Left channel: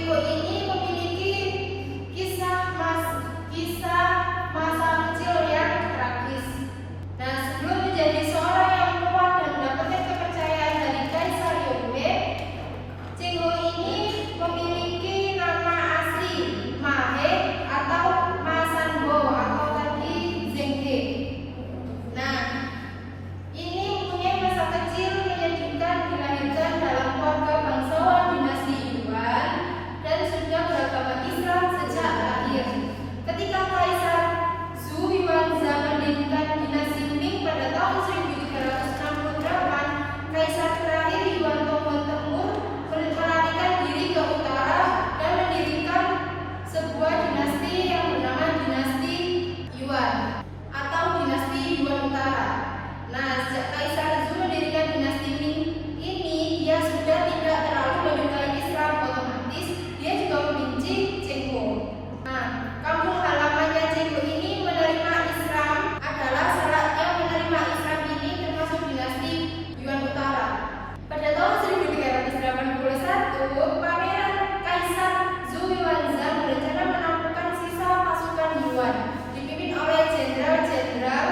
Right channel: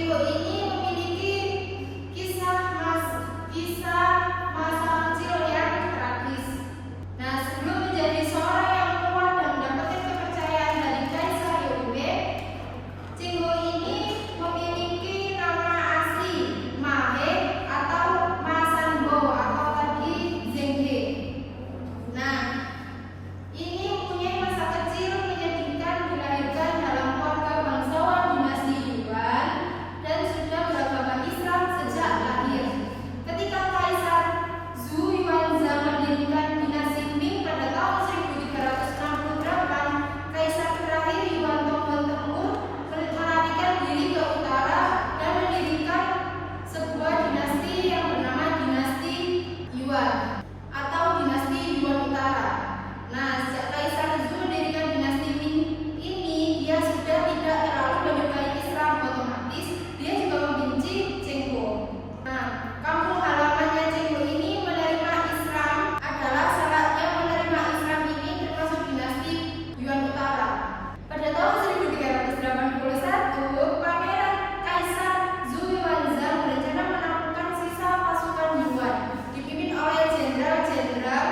Cengho ini memiliki kisah masa kecil yang tragis. Nah, sebelum menjadi seorang yang kuat dan mendapatkan kepercayaan dari Kaisar Yongwei, Cengho ini memiliki nama asli Mahe atau Ma Sanbo atau tadi Zhenghe. Nah, ini mempunyai masa kecil menyedihkan, dilahirkan dalam keluarga bangsawan dinasti Yuan dan sudah beragama Islam sejak lahir. Ketika Kaisar Zhu Yuanzhang mendirikan dinasti Ming pada tahun 1368, Kaisar terakhir Yuan Tongguan Temur melarikan diri ke utara dan mendirikan sebuah dinasti yang bernama dinasti Yuan atau dinasti Yuan Utara. Nah, sejak Kaisar Zhu mendirikan dinasti Ming ini, dia sudah tidak terlalu menyukai Islam, otomatis dia juga membenci Cengho. Nah, kampung halamannya Cengho ini menerima Islam adalah salah yang menerima Islam ini termasuk dinasti Yuan Utara. Pada tahun 1381, Pangeran Kaisar Zhu Yuanzhang berencana menaklukkan sisa pasukan Yuan dipimpin oleh jenderal-jenderal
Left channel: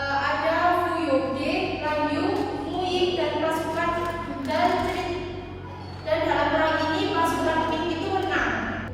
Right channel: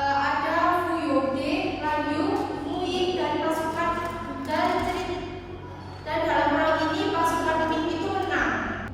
ada Fu Yongde, Lan Yu, Mu Ying dan pasukan dan dalam perang ini pasukan Ming itu menang.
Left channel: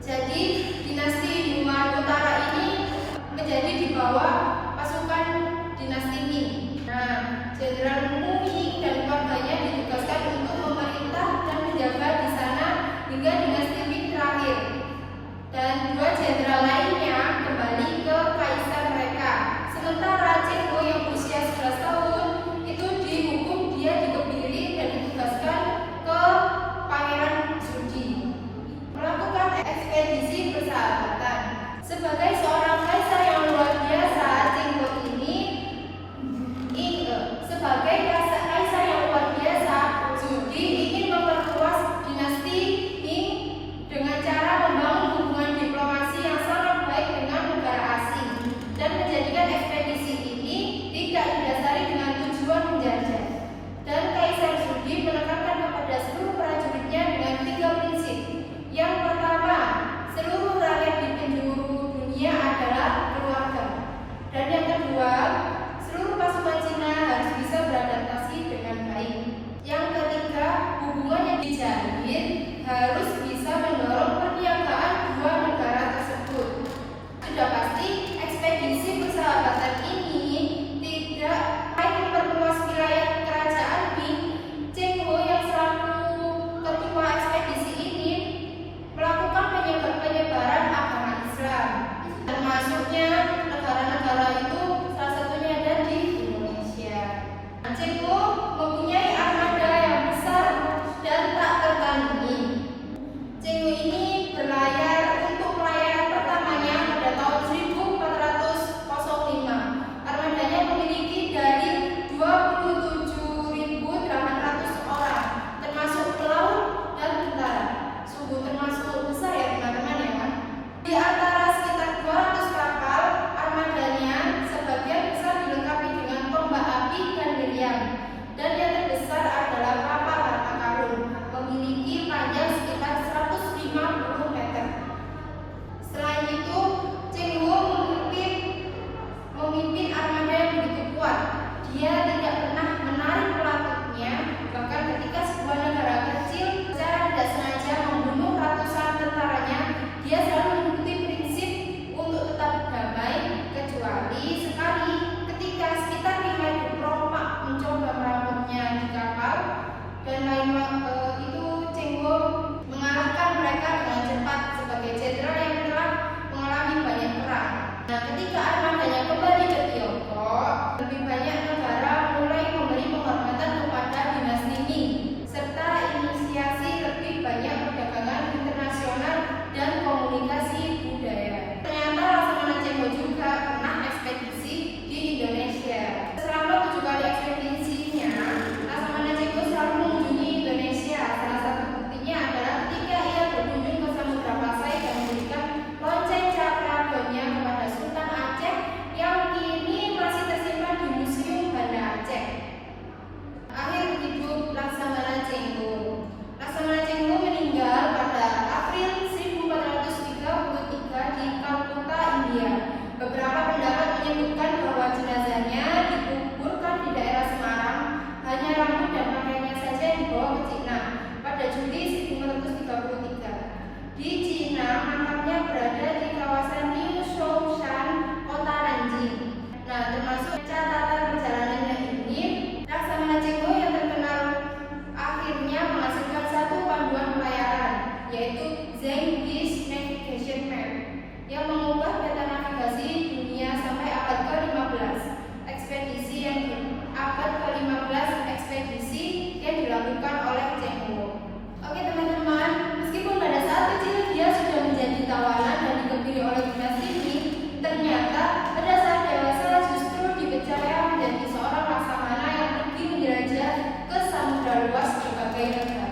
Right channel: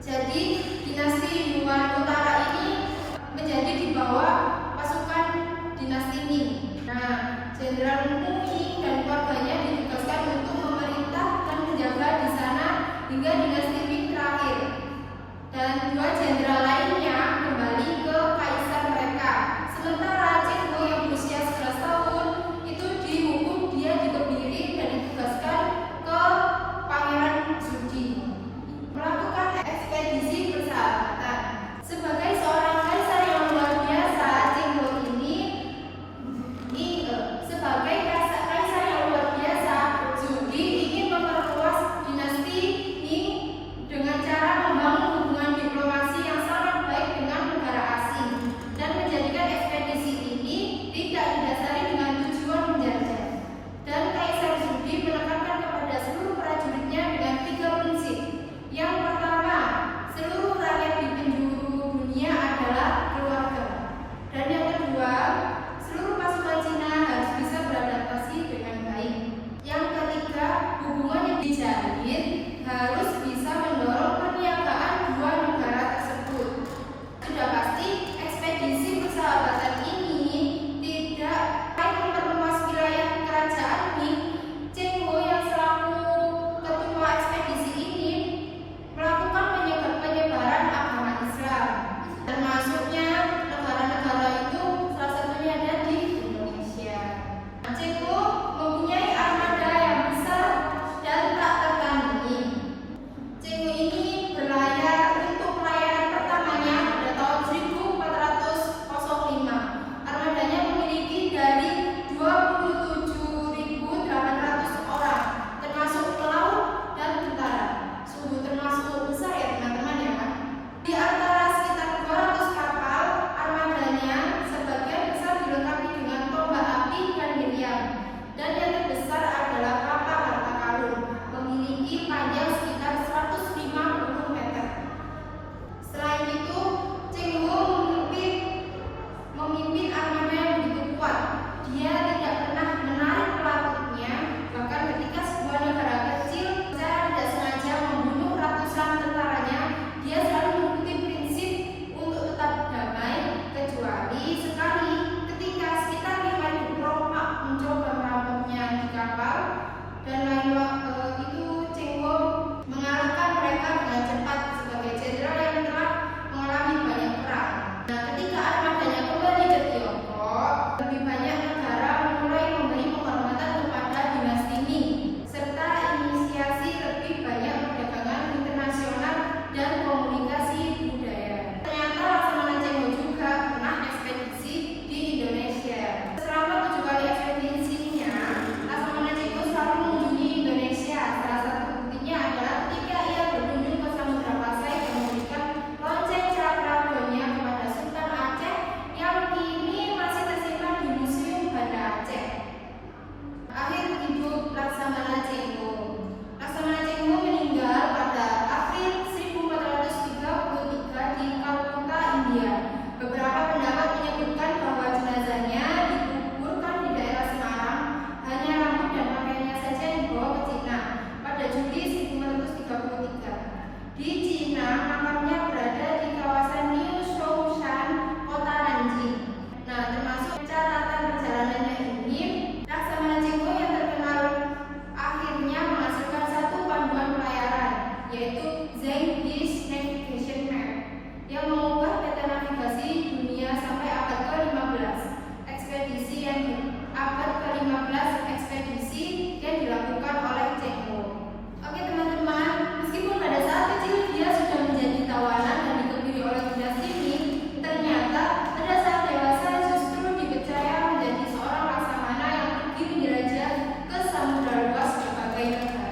sebagai negara.